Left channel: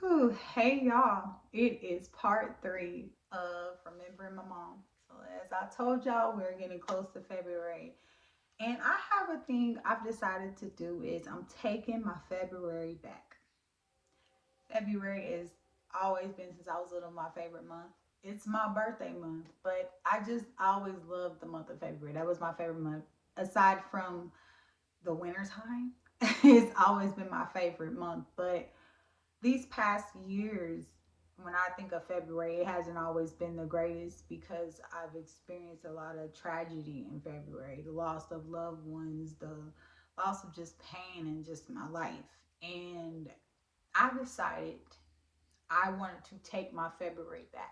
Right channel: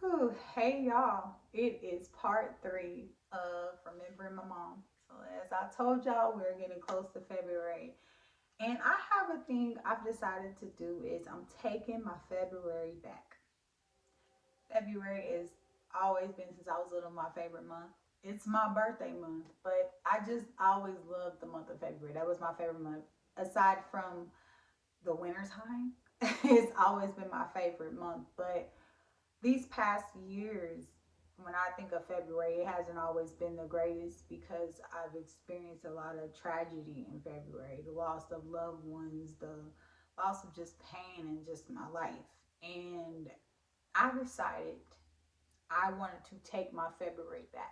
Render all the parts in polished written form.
Whew, hey y'all, it is part three of Remembering My Mom. So, as I told y'all, we're getting close to February, and I have a thing I've decided to do is I'm taking my February back. February is always been since I was little my favorite month. It's my birthday month, but I just always loved the month of February. That was my favorite month. Aside from the winter time, it's always been my favorite month. But these past years, when I think of February, it hasn't always been the greatest because I've experienced a lot of tragedy in February, the loss of loved ones, the loss of just pain in just my life. And I decided I wanted to take my February back.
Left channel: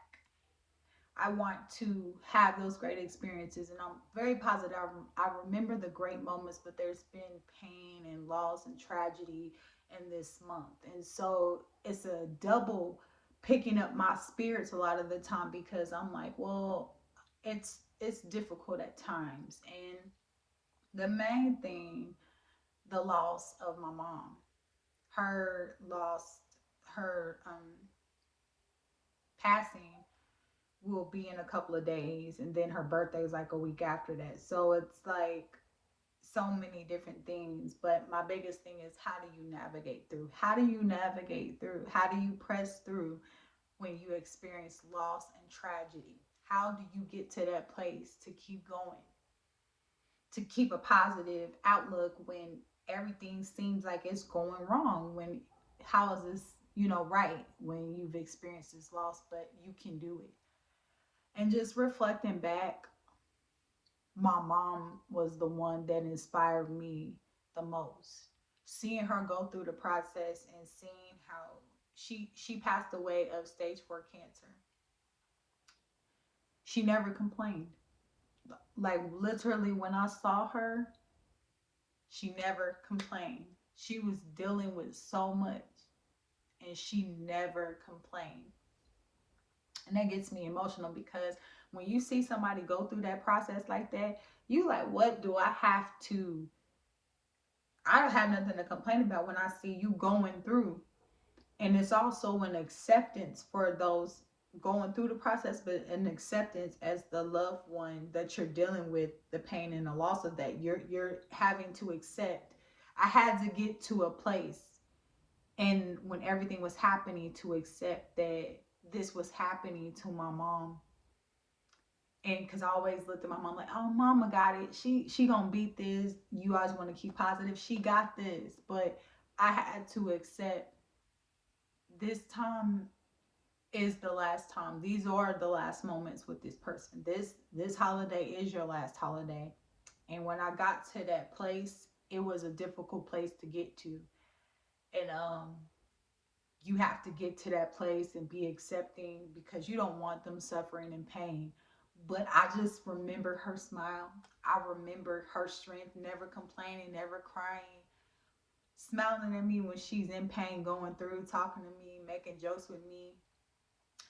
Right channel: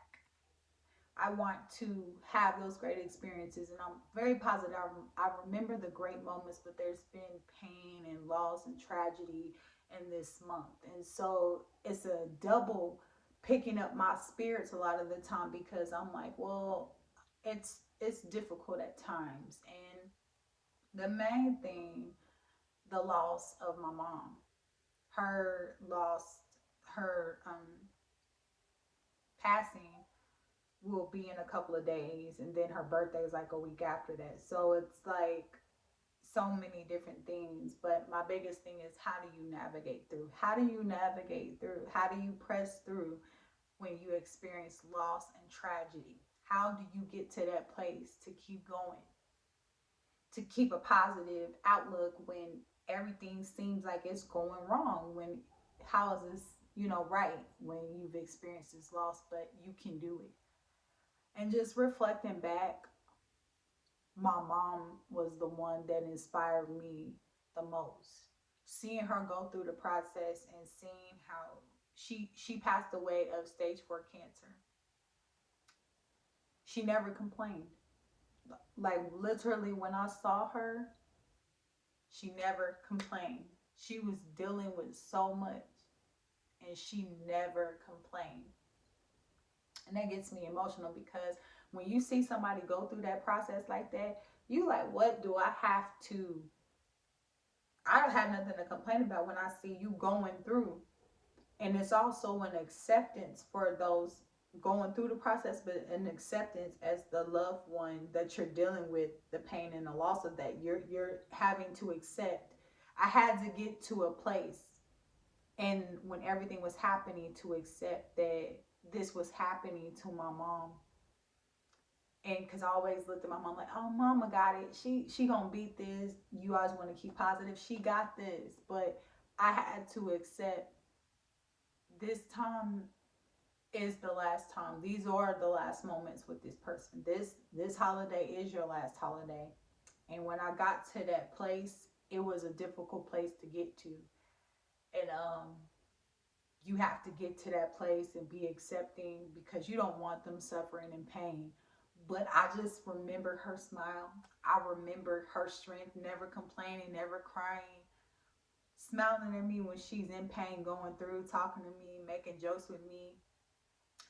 I want to have those great experiences, and I'm very positive. I remember the great moments, but there's been pain and loss and tragedy in this month, and so it's a double picking up my spirits a lot of the time because I'm like, well, it's difficult at times, and the main thing, the loss of my mom, her loss, her passing will be in a couple of days, and then her birthday is like a week after that. So it's like so many different things. But my biggest thing is, how do you navigate through? How do you navigate through? How do you press through when you experience loss and tragedy? How do you get to that place to keep going, to keep a positive outlook when everything seems like it's going wrong? When how is this, right, when you've experienced this loss, but you can do it? And just reflecting back, my mom was the one that inspired me the most. Seeing her go through the process and seeing how she passed away of stage 4 cancer. She never complained. Like literally when I saw her, she never complained. She was dealing with so much and she never complained. And that gets me emotional because when you see somebody go through that process like that, you like, what do I have to I don't have nothing to complain about when I see you going through. And it's also an acceptance for those going through the process, but an acceptance as the loved one that you're dealing with the pain and the loss of that. You're having to accept. I had to get to a place, and when everything was happening, to accept that this was happening to my mom. And because I always looked at my mom like, oh, mama got it. She gonna beat this. You always want to keep positive. She got this. But I had to accept this time is the last time. These are the last moments with this person. This holiday is your last holiday. And when I got to that place, it was a difficult place to get to. And you have to get to that place and be accepting because you don't want them suffering and pain. But I just remember her smile. I remember her strength, never complaining, never crying, smiling at me when she's in pain, going through, talking to me, making jokes with me.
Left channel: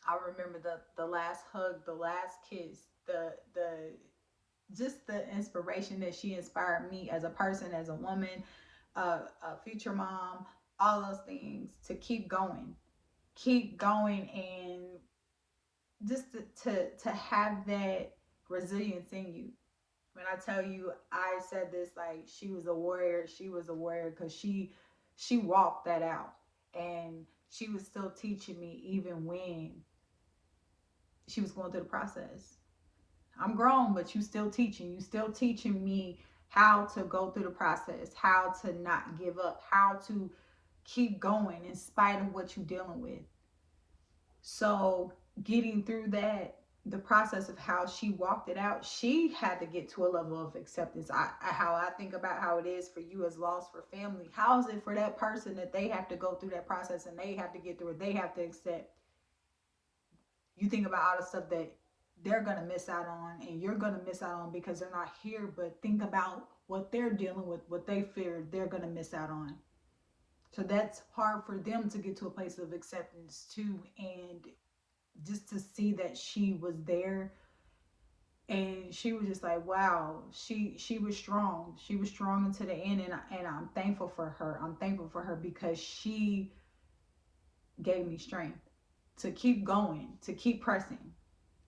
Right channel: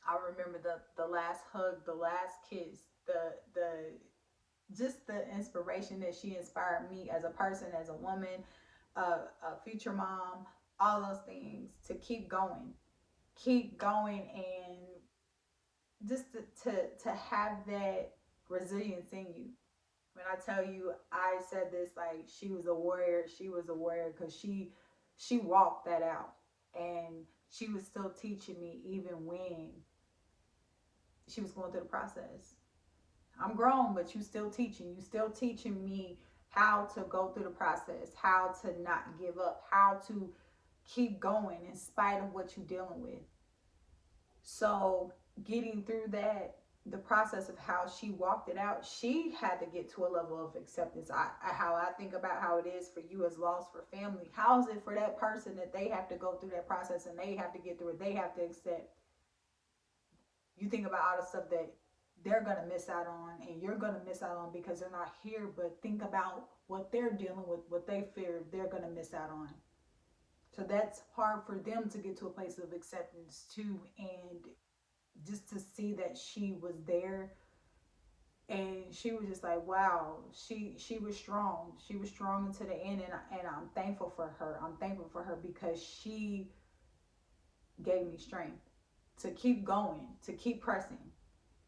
I remember the last hug, the last kiss, the just the inspiration that she inspired me as a person, as a woman, a future mom, all those things to keep going, and just to have that resilience in you. When I tell you, I said this like she was a warrior. She was a warrior because she walked that out, and she was still teaching me even when she was going through the process. I'm grown, but you still teaching. You still teaching me how to go through the process, how to not give up, how to keep going in spite of what you're dealing with. So getting through that, the process of how she walked it out, she had to get to a level of acceptance. How I think about how it is for you as loss for family. How is it for that person that they have to go through that process and they have to get through it? They have to accept. You think about all the stuff that they're gonna miss out on and you're gonna miss out on because they're not here, but think about what they're dealing with, what they fear they're gonna miss out on. So that's hard for them to get to a place of acceptance too. And just to see that she was there and she was just like, wow, she was strong. She was strong until the end, and I'm thankful for her. I'm thankful for her because she gave me strength to keep going, to keep pressing,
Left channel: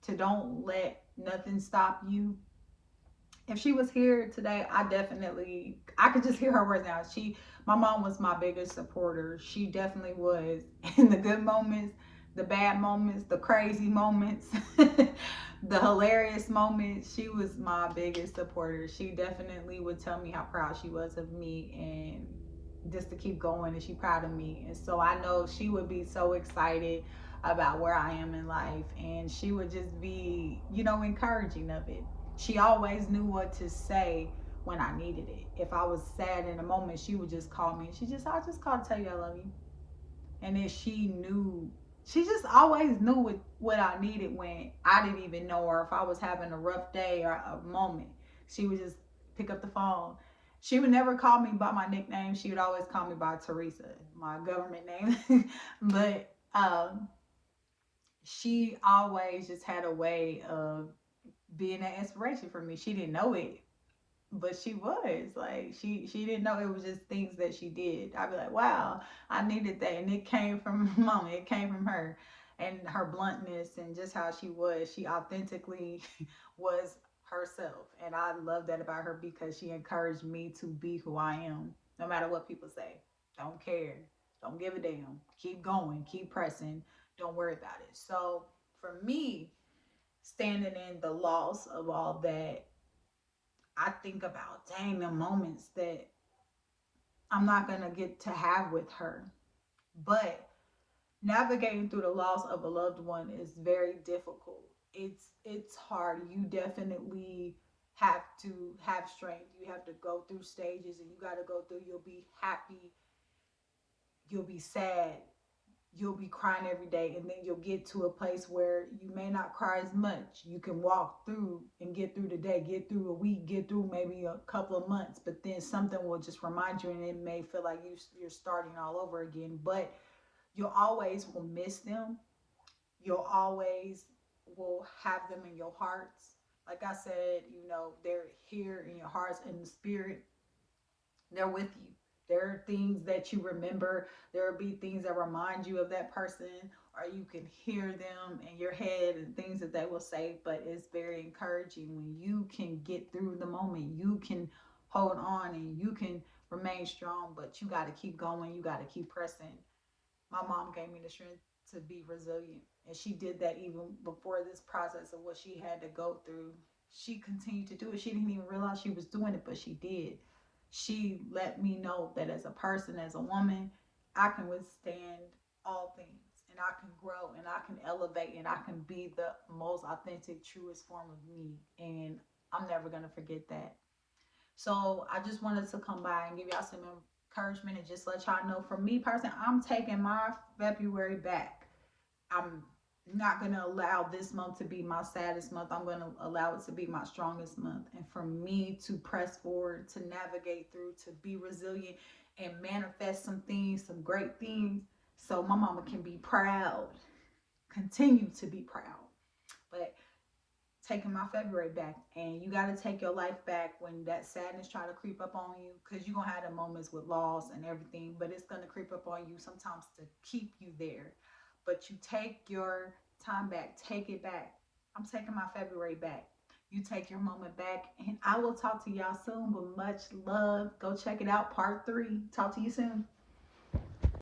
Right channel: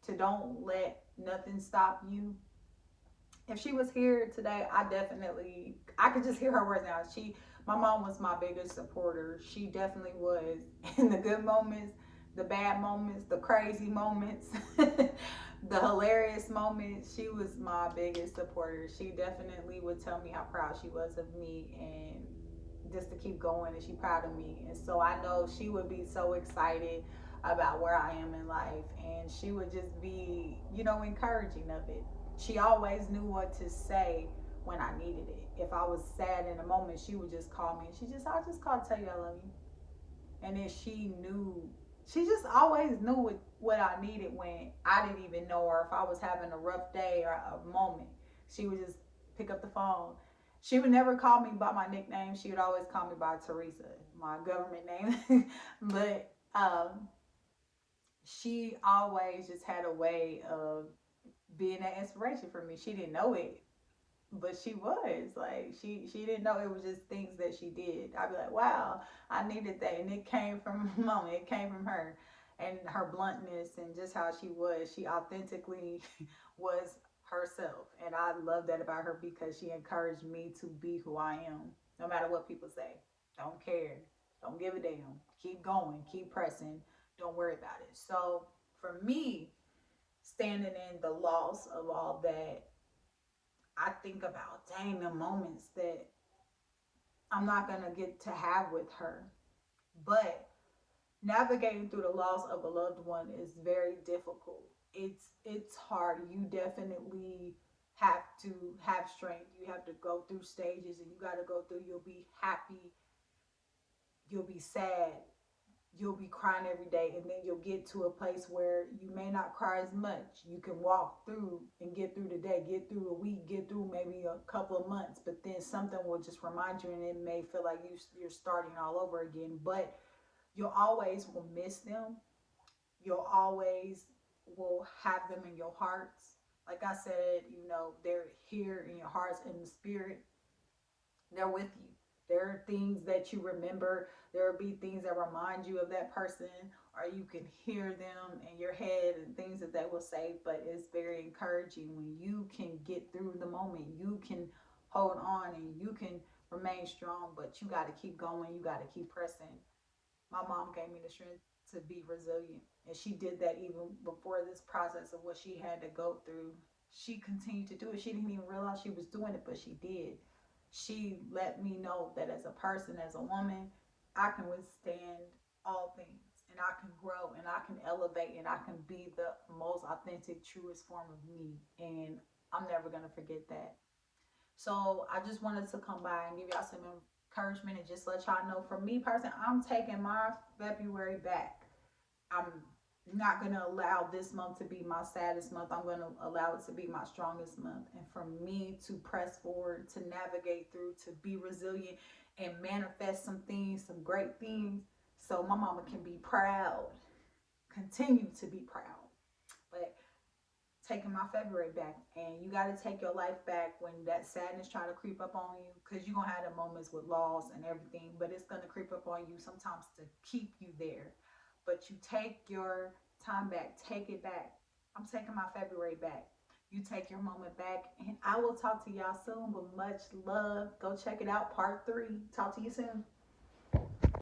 to don't let nothing stop you. If she was here today, I could just hear her words now. My mom was my biggest supporter. She definitely was in the good moments, the bad moments, the crazy moments, the hilarious moments. She was my biggest supporter. She definitely would tell me how proud she was of me and just to keep going, and she proud of me. And so I know she would be so excited about where I am in life, and she would just be, encouraging of it. She always knew what to say when I needed it. If I was sad in a moment, she would just call me. I just called to tell you I love you. And then she just always knew what I needed when I didn't even know, or if I was having a rough day or a moment. She would just pick up the phone. She would never call me by my nickname. She would always call me by Teresa, my government name. But she always just had a way of being an inspiration for me. She didn't know it, but she was like she didn't know it was just things that she did. I'd be like, wow, I needed that, and it came from mama. It came from her, and her bluntness and just how she was. She authentically was herself, and I love that about her because she encouraged me to be who I am, no matter what people say. Don't care. Don't give a damn. Keep going. Keep pressing. Don't worry about it. So for me, standing in the loss of all that, I think about, dang, the moments that I'm not going to get to have with her. But navigating through the loss of a loved one is very difficult. It's hard. You definitely have to have strength. You have to go through stages, and you got to go through. You'll be happy, you'll be sad, you'll be crying every day, and then you'll get to a place where you may not cry as much. You can walk through and get through the day, get through a week, get through maybe a couple of months, but then something will just remind you, and it may feel like you're starting all over again. But you'll always will miss them. You'll always will have them in your hearts. Like I said, they're here in your hearts and the spirit. They're with you. There are things that you remember. There will be things that remind you of that person, or you can hear them in your head and things that they will say. But it's very encouraging when you can get through the moment. You can hold on and you can remain strong, but you got to keep going. You got to keep pressing. My mom gave me the strength to be resilient, and she did that even before this process of what she had to go through. She continued to do it. She didn't even realize she was doing it, but she did. She let me know that as a person, as a woman, I can withstand all things, and I can grow, and I can elevate, and I can be the most authentic, truest form of me. And I'm never going to forget that. So I just wanted to come by and give y'all some encouragement and just let y'all know, for me personally, I'm taking my February back. I'm not going to allow this month to be my saddest month. I'm going to allow it to be my strongest month. And for me to press forward, to navigate through, to be resilient and manifest some things, some great things, so my mama can be proud, continue to be proud. But taking my February back, and you got to take your life back when that sadness try to creep up on you, because you're going to have the moments with loss and everything, but it's going to creep up on you sometimes to keep you there. But you take your time back, take it back. I'm taking my February back. You take your moment back, and I will talk to y'all soon with much love. Go check it out, part 3. Talk to you soon.